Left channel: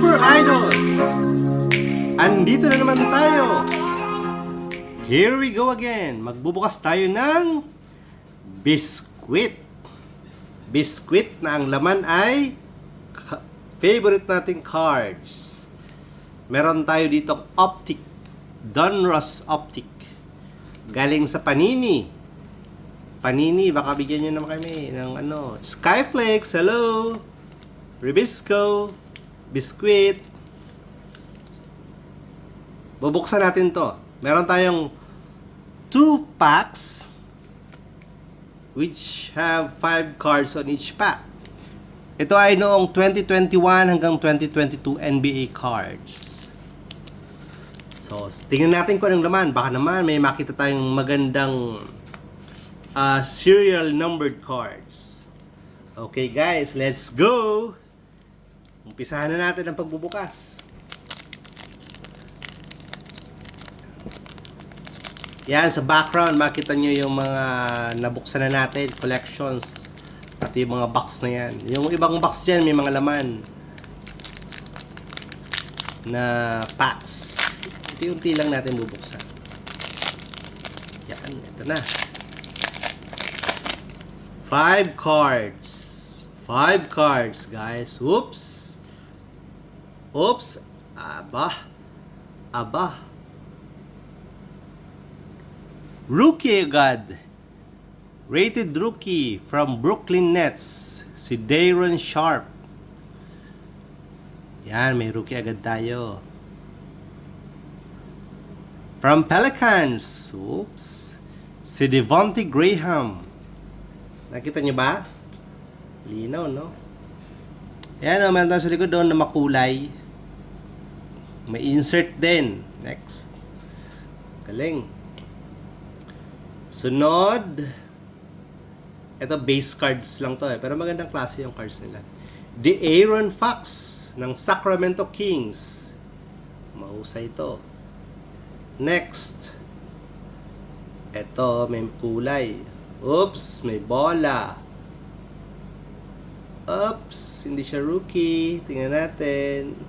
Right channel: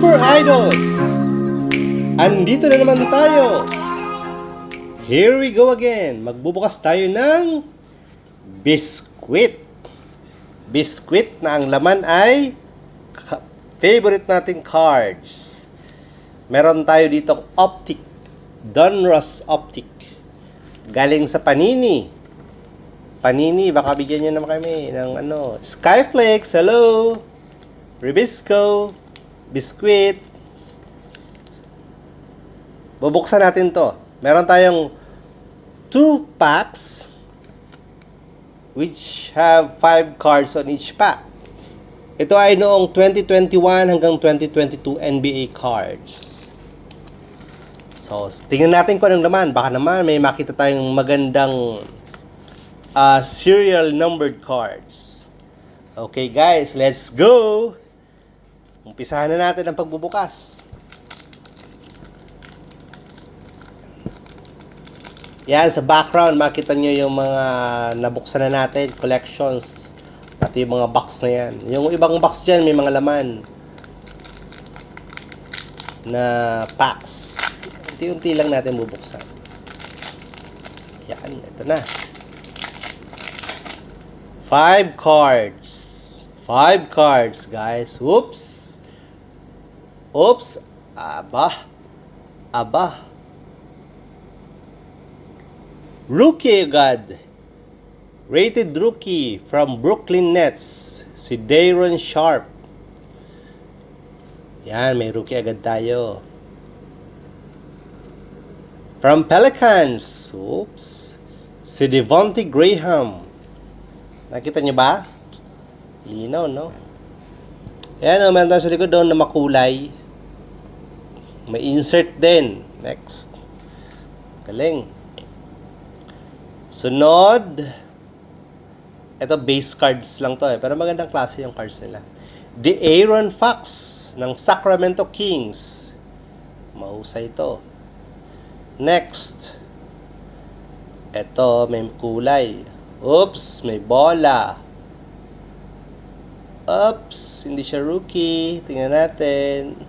Super Idols! Andito na naman tayo! Here we go again! Magbubukas tayo ng biskwit. Biskwit na ang laman ay favorite nating cards. Meron tayo ditong Optic, Donruss Optic. Galing sa Panini. Panini, baka bigyan nyo naman kami ng Skyflex, hello! Ribisco, biskwit. Bubuksan natin to. Meron tayong 2 packs which have 5 cards on each pack. Ito ay noong 2021 hanggang 2022 NBA cards. So, tingnan natin kung anong laman. Baka naman may makita tayong magandang serial numbered cards. Okay guys, let's go! Umpisahan na natin ang pagbubukas. Yan, sa background, makita nyo yung mga nabuksan na natin, collections. Pati yung mga box na yan. Yung ibang box dyan, may mga laman na packs. Unti-unti lang natin bubuksan. Yan, ito na. 5 cards. 5 cards, guys. Whoops. Oops. Aba. Rookie agad. Rated rookie from Brooklyn Nets. Si Day'Ron Sharpe. Yan, may rookie agad tayo. From Pelicans. Oops. Si Devonte Graham. Nakita nyo ba? Linaw, no? Ayan, meron tayo sa likod doon na makulay. May insert din. Next. Galing. Sunod. Ito, base cards lang to pero magandang klase yung cards nila. De'Aaron Fox ng Sacramento Kings. Mahusay ito. Next. Ito, may kulay. Oops, may bola. Oops, hindi siya rookie. Tingnan natin.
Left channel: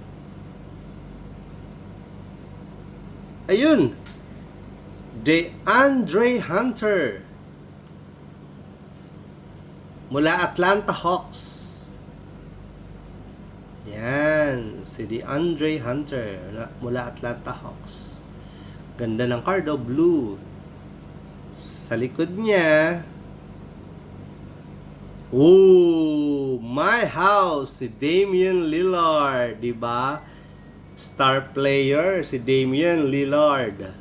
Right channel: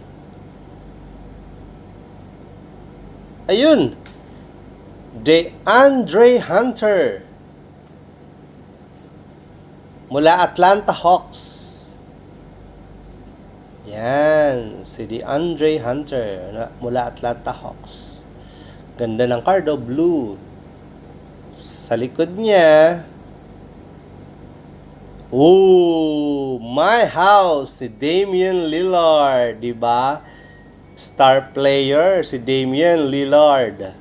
Ayun! DeAndre Hunter. Mula Atlanta Hawks. Yan, si DeAndre Hunter mula Atlanta Hawks. Ganda ng card, blue. Sa likod niya, my house, si Damian Lillard, di ba? Star player, si Damian Lillard.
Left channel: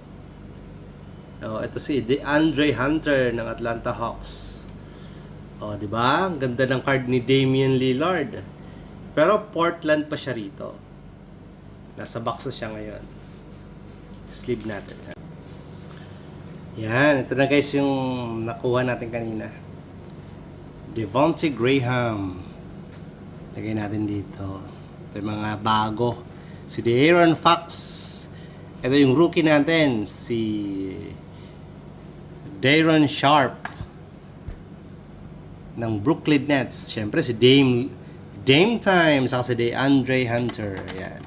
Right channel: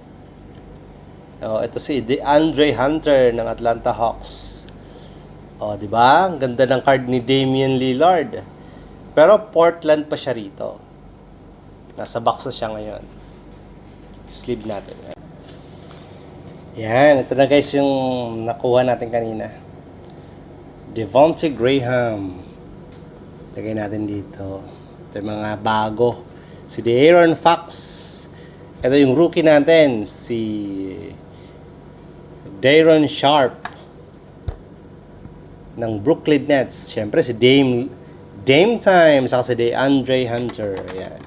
Ito si DeAndre Hunter ng Atlanta Hawks. Di ba? Ang ganda ng card ni Damian Lillard. Pero Portland pa siya rito. Nasa box na siya ngayon. Sleeve natin. Yan, ito na guys yung nakuha natin kanina. Devonte Graham. Lagay natin dito. Ito yung mga bago. Si De'Aaron Fox. Ito yung rookie natin. Si Day'Ron Sharpe ng Brooklyn Nets. Siyempre si Dame Time. Saka si DeAndre Hunter. Ayan.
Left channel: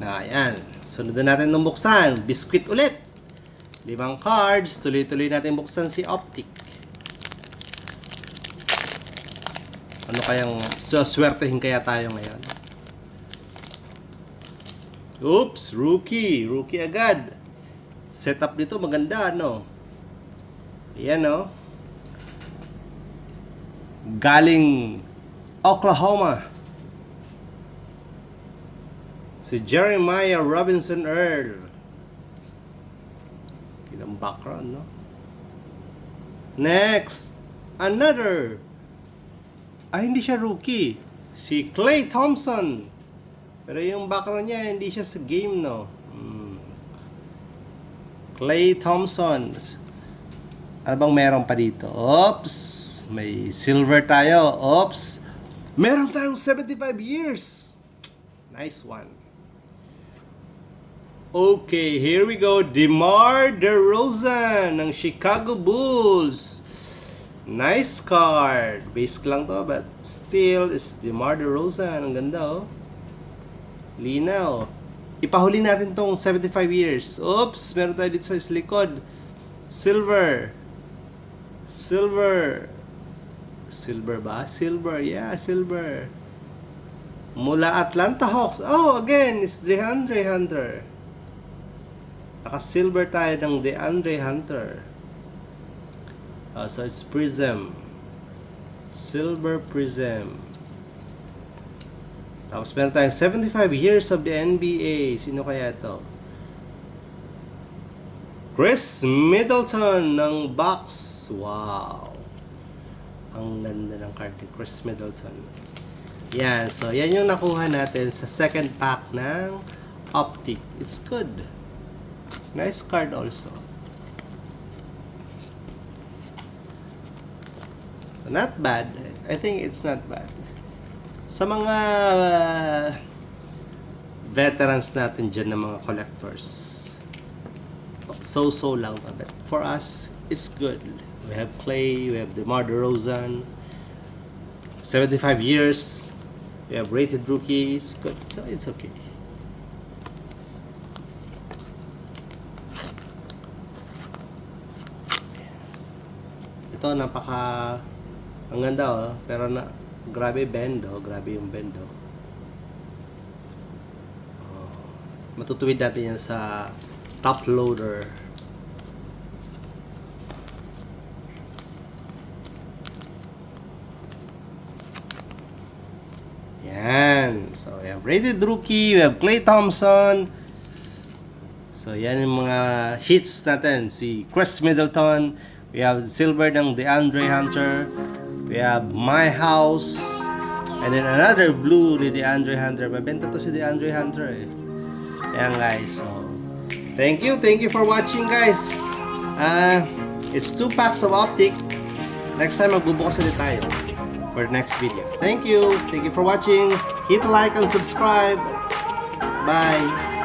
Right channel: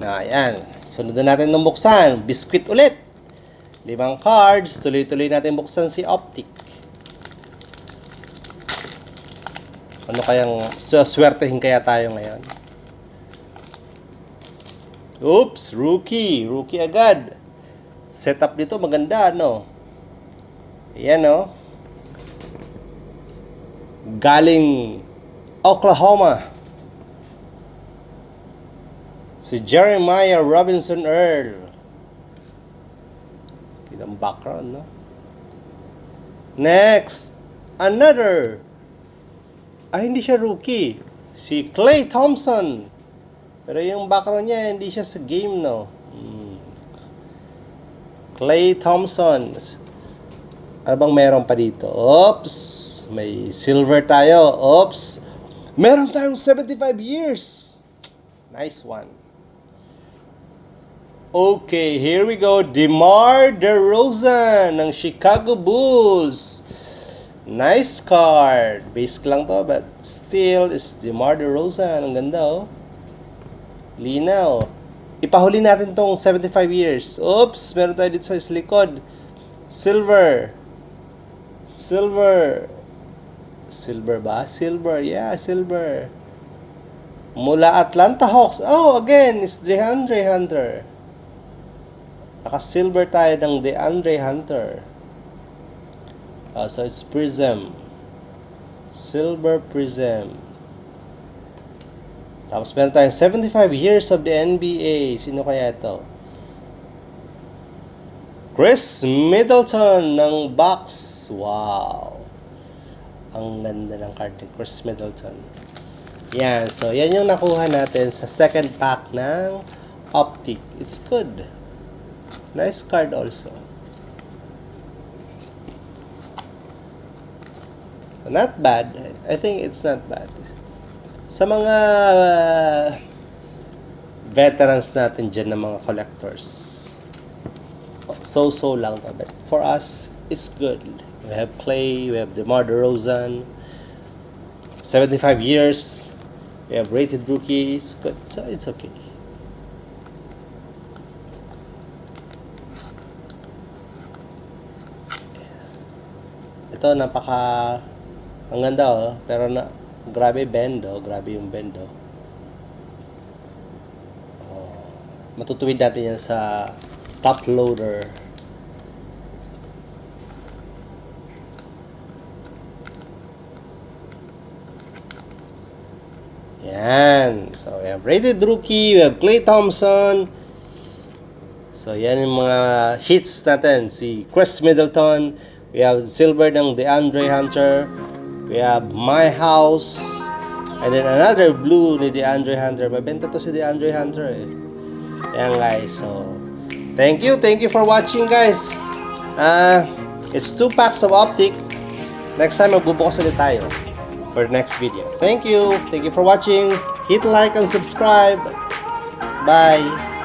Ayan. Sunod na natin ng buksan. Biskwit ulit. 5 cards. Tuloy-tuloy natin buksan si Optic. Ano kayang swertehin kaya tayo ngayon? Oops, rookie. Rookie agad. Setup nito maganda, no? Ayan, no? Galing Oklahoma. Si Jeremiah Robinson Earl. Ang background, no? Next, another. Hindi siya rookie. Si Klay Thompson. Pero yung background niya, hindi siya sa game, no? Klay Thompson. Ano bang meron pa dito? Oops. May silver tayo. Oops. Meron tayong 75 years. Nice one. Okay, here we go. DeMar DeRozan ng Chicago Bulls. Nice card. Basic lang to, but still is DeMar DeRozan. Ang ganda, oh. Linaw. Ipahuli natin tong 75 years. Oops, meron tayo dito sa likod. Silver. Silver. Silver ba? Silver. Yeah, silver. Mula Atlanta Hawks. Oh, again, it's DeAndre Hunter. Naka-silver tayo ng DeAndre Hunter. So it's Prism. Silver Prism. Tapos meron tayong 75 years of the NBA. Sino kaya ito? Chris Middleton ng Bucks. Wow. Ang ganda ng card ni Chris Middleton. Yan. So, yan yung nakuha natin sa second pack ng Optic. It's good. Nice card also. Not bad. I think it's not bad. Sa mga veterans natin dyan ng mga collectors, so lang to. But for us, it's good. We have Clay, we have DeMar DeRozan, 75 years, we have rated rookies, good. So it's okay. Ito, ang ganda oh, pero grabe bend oh, grabe yung bend oh. Matutuwid natin yan sa top loader. Yan. So, we have rated rookie, we have Klay Thompson. So, yan yung mga hits natin. Si Chris Middleton. We have silver ng DeAndre Hunter. We have My House. And then another blue ni DeAndre Hunter. Mabenta to si DeAndre Hunter eh. Ayan guys. So, thank you for watching guys. It's 2 packs of Optic. Next time magbubukas ulit tayo for next video. Thank you for watching. Hit like and subscribe. Bye.